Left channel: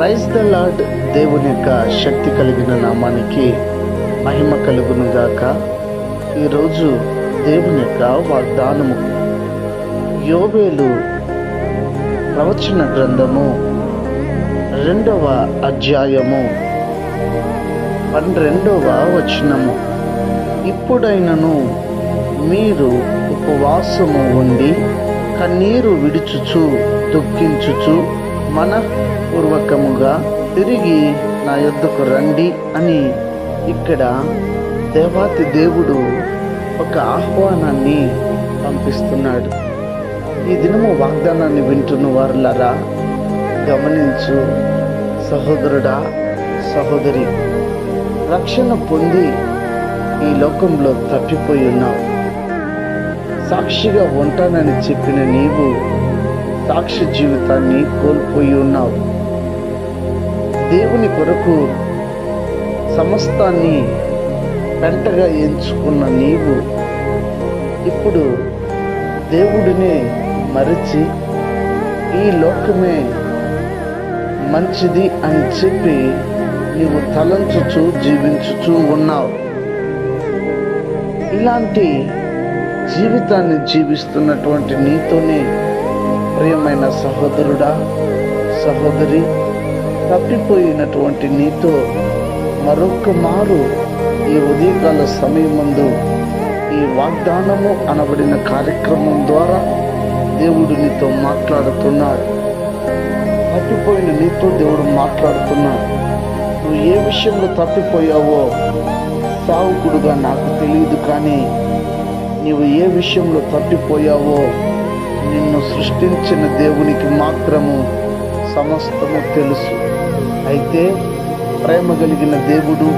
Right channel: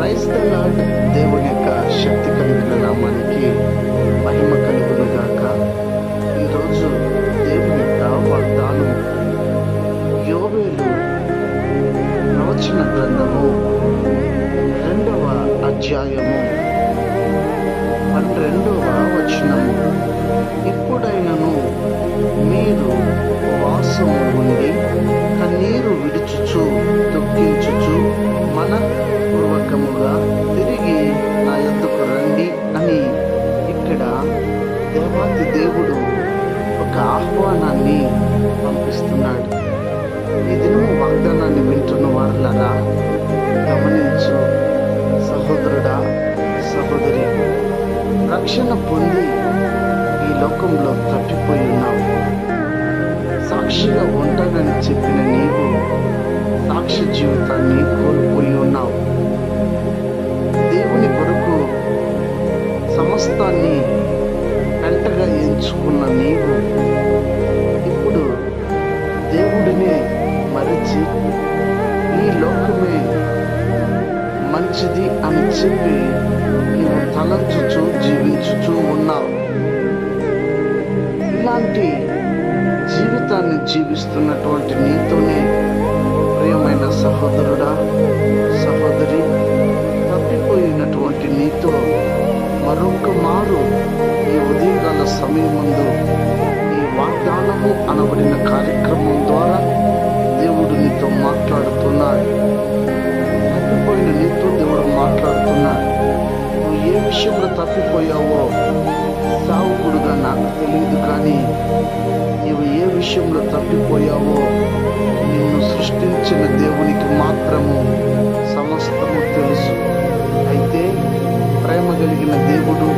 Praise the lord దేవుని యొక్క శక్తి కలిగిన నామానికి మహిమ కలుగును గాక ఈరోజు దేవుని యొక్క వాగ్దానము యోవేలు ప్రవచన గ్రంథము రెండవ అధ్యాయము పన్నెండవ వచనము. ఇప్పుడైనను మీరు ఉపవాసము ఉండి కన్నీరు విడుచుచు దుఃఖించుచు హృదయపూర్వకముగా తిరిగి నా యొద్దకు రండి అని ఇక్కడ దేవాతి దేవుడు ఒక ఆహ్వానాన్ని పంపిస్తున్నాడు. ఈ దినము వాగ్దానాన్ని వింటున్న వారులరా గమనించు సహోదరుడా సహోదరి రక్షణ పొంది ఈ లోకంలో తప్పిపోయి ఉన్నావు. సాక్షిగా ఉంటానని చెప్పిన నీవు సాక్షి జీవితాన్ని కోల్పోయి ఉన్నావు. దేవుని కొరకు సమస్తాన్ని పెంటగా ఎంచుకున్న నీవు ఇప్పుడు దేవుడినే మరిచి ఈ లోకమే మంచిది అని చెప్పి నీవు తలంచుచు జీవించుచు ఉన్నావు. ఇలాంటి జీవితాన్ని జీవిస్తున్నటువంటి నీతోనే ప్రియమైన సహోదరుడా సహోదరి తప్పిపోయినటువంటి నీతో మరొక మారు ఈ ఉదయకాల సమయమందు ఈ వాగ్దానము అనబడిన కార్యక్రమం ద్వారా దేవుడు నీతో మాట్లాడుతున్నాడు. తప్పిపోయిన నీతో దేవుడు మాట్లాడుతున్నాడు. నువ్వు ఏ విషయంలో తప్పిపోయావో సావుకుడుగా నాకు తెలియదు కానీ నీవు ఏ విషయంలో తప్పిపోయావో నిన్ను సృష్టించిన దేవునికి మాత్రము సమస్తము తెలుసు. అయితే ప్రేమ కలిగిన దేవుడు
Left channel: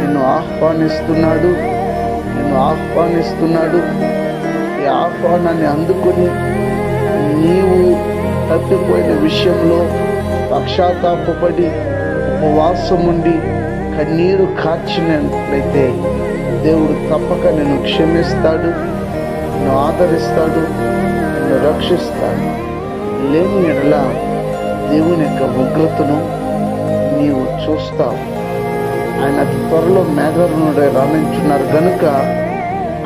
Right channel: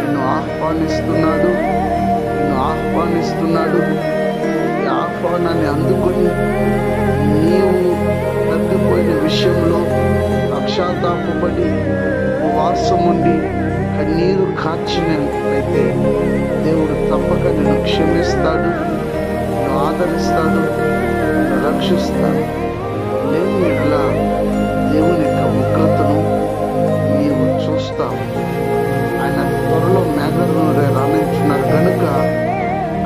నిన్ను ఆహ్వానిస్తున్నాడు. నిన్ను ఆహ్వానిస్తున్నాడు. ఈ ఆహ్వానాన్ని అందుకొని నీవు తప్పిపోయిన విషయంలో పక్షాతాపడి ఉపవాసం ఉండి కన్నీరు కార్చినట్లయితే దేవుడు తప్పక నిన్ను క్షమిస్తాడు నిన్ను ఆదరిస్తాడు నిన్ను రక్షిస్తాడు. లేని ఎడల దేవుని యొక్క ఉగ్రతను చూస్తాం. ఆయన త్వరలో మేఘరునుడే రాణించున్నారు. కనుక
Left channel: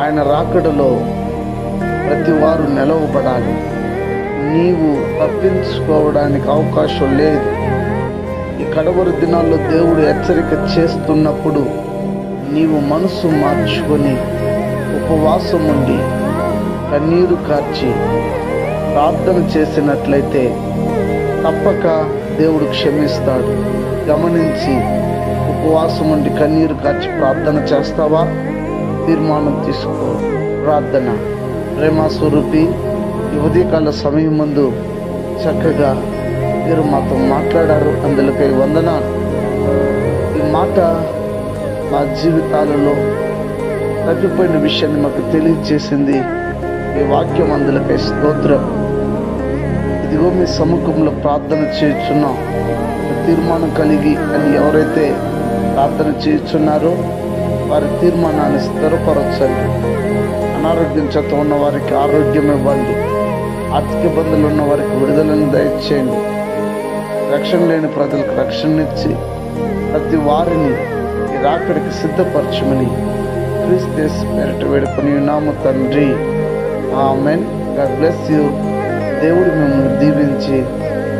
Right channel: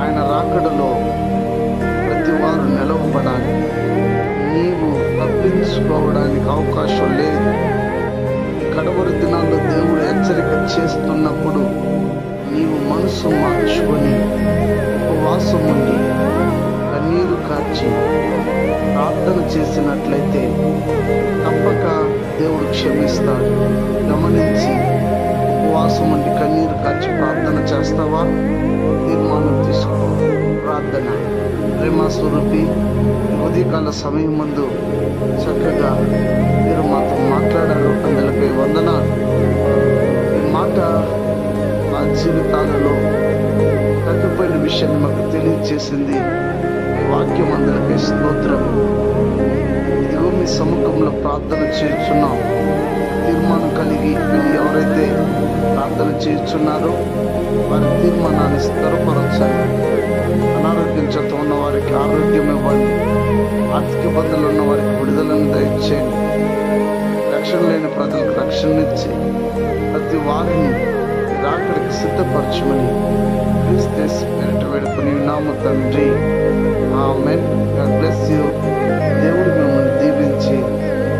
ఆయన రాకడలో ప్రతి వారు నిలవబడాలి. నీవు తప్పించుకోవడానికి అవకాశం లేదు. ఈ కడవరి దినాల్లో దేవుడు హెచ్చరిక చేస్తున్నప్పుడు నీవు మనసు మార్చుకొని ఉపవాసం ఉండి కన్నీరు కార్చి ప్రార్థన చేసినట్లయితే తప్పక దేవుడు క్షమిస్తాడు. గమనించి ఉపవాసం ఉండి కన్నీరు ఖర్చు ప్రార్థన చేస్తావా? తీర్మానం తీసుకో. ప్రార్థన. ప్రేమ స్వరూపి ఉదయకాల సమయం ముందు చక్కగా మీరు మాతో మాట్లాడారు. అందులోకి వందన. ఈ మాట మా జీవితాలలో తగ్గిపోయిన విషయాన్ని మాకు తెలియజేసింది. ఈ వాక్యం అందులోకి స్తోత్రం. ఇదిగో మీ సముఖంలో ప్రార్థన చేయుచున్నాం. తీర్మానం కలిగి ఎవరైతే ప్రార్థన చేయుచున్నారో వారి తీర్మానాన్ని స్థిరపరచండి. అనారోగ్యం చేత ఉన్న వారికి ఆరోగ్యం ఇవ్వండి. ఆర్థిక ఇబ్బందులు ఉన్న వారికి విడుదలను దయచేయండి. రక్షణ లేని ప్రజలకు రక్షణనిచ్చి ప్రతి వారిని రాకడికి సిద్ధపరచమని క్రీస్తేస్ పెరట వేడుకొని నామ తండ్రి. ఆమెన్. God bless you. దేవుడు మిమ్మల్ని దీవించి